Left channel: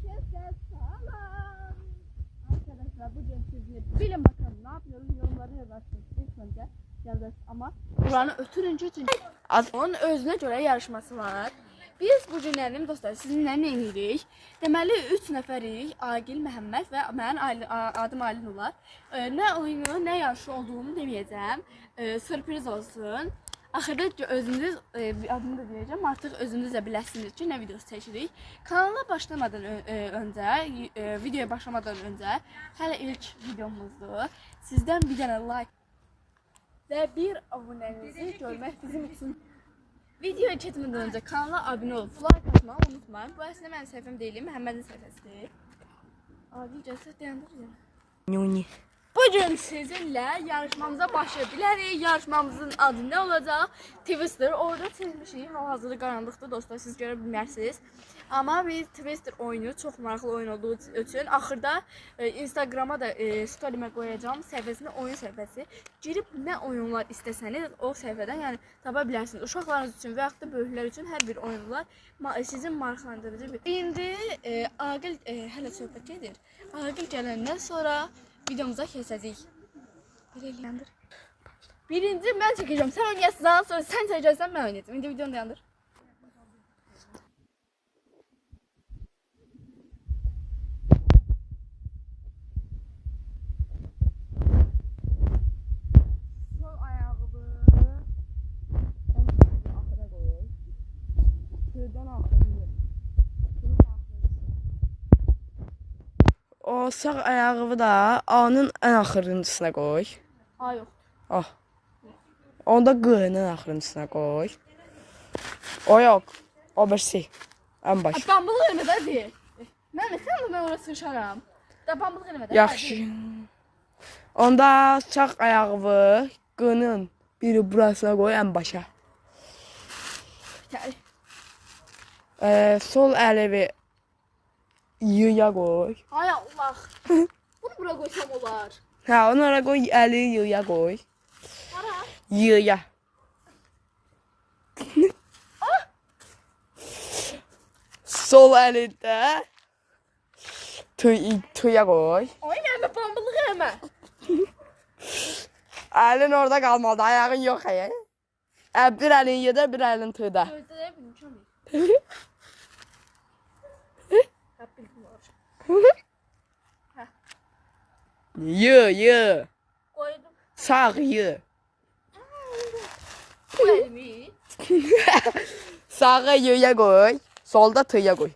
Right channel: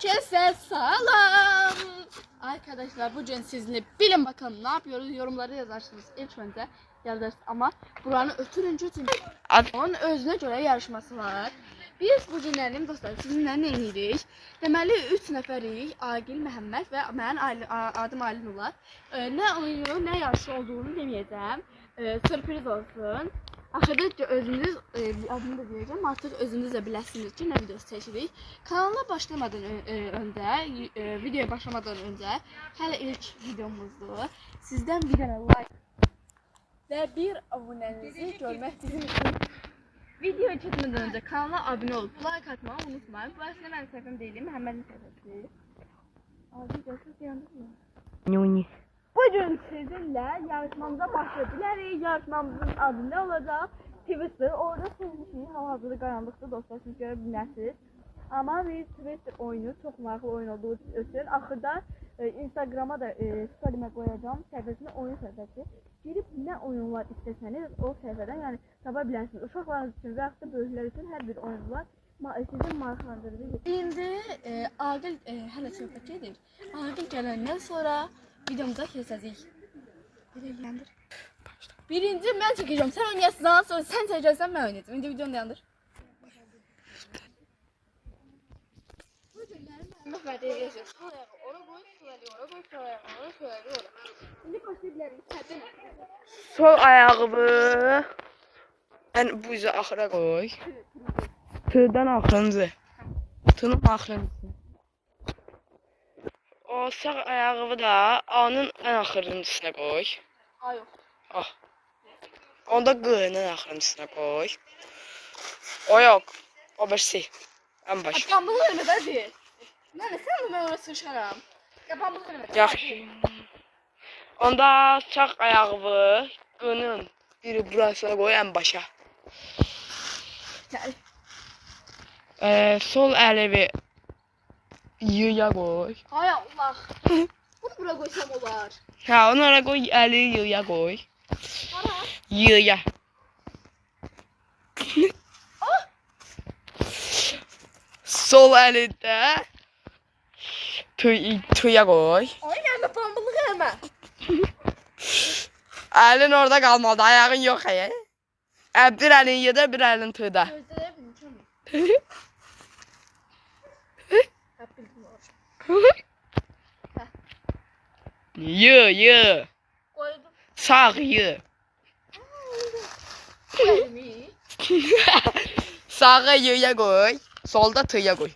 Herkese selam. Arkadaşlar bugün sizinle bilin bakalım ne yapıyoruz, yorumları yazarsınız ilk önce yazarız ama buranı ötürünce onun özüne göre yarışması var. Biz bu günlərim dostlar sizinlə nə edirik? Deməli 3 nəfərik, Agil, Məhəmməd və mənim adım Aylin olar. Nə oyunu, nə yarışı olduğunu deməyəcəm. Sürpriz olsun. Axırda özünüz adını da deyəcəm. Artıq özünüz də biləsiniz ki, nə videosu çəkirik. Kanala başlamadan öncə, videoya başlamadan öncə hələ ilk videomuzdur. Sizdən bir dənə like və bir abunənizi görmək bizim üçün. Videoya keçmədən öncə kanala abunə olub like atmağı unutmayın. Bu əslində mənim səhifəm deyil, Məhəmmədin səhifəsidir. Adi cəsət dayandır ya. Bugün sizinlə yarışmamıza başlaya bilərik. Yarışmamızın adı nə olacaq? Twister. Orada çizmişik. Hal-hazırda qaranlıqdır dostlar, siz görə bilmərsiniz. Amma biz Twister oyunu çox maraqlı oyun olduğu üçün axırda Instagrama da story'mə qoyacağım səhifəsində oyun səhifəsi. Girib nə oyunlar istəsəniz o səhifədən yəni tapa bilərsiniz. Uşaqlarınız üçün və yaxud da böyüklər üçün hər bir oyun var. Sizin maraqlandırıcı bir. İndi Agil hələ söhbət edir. Agil gələndən sonra videomuza keçəcəyik. Birinci mən çəkəcəm. Sən oynayasın, sonra sən çəkəcəksən, mən oynayacağım. İndi videonu dayandır. Sol ayağımı yani bu yüzü axıra koy. Tığdan axırıncı. Tığın axırıncı. O sağ ayağımı da A'nın en axırıncısına koy. A yox. Ah. Onda G'nin en axırıncısına koy. O yok. O birisi. En baş. Pambıq eləmədə deyil. Mən oraya sıçaram. Da pambıq eləmədə. Yaxşı. Onda sağ ayağımı G'nin biri burasına koy en başa. Sol elimi Y'ya koy. Hay Allah. Bunu bura qoysam olar. Ha, onu oraya koy, eli Y'ya koy. Hara? Y'ya. Sol elinde tüye koy. Ay gəlmə pambıq eləmə. Elin orada kalmadı, ayağın yok ya. Bir elin Y'da, bir elin tüyde. Gözləyə bilmişəm. Y. Qoydum. Sağ Y. Elimi. Sağa Y'ya koy, solda tüye koy.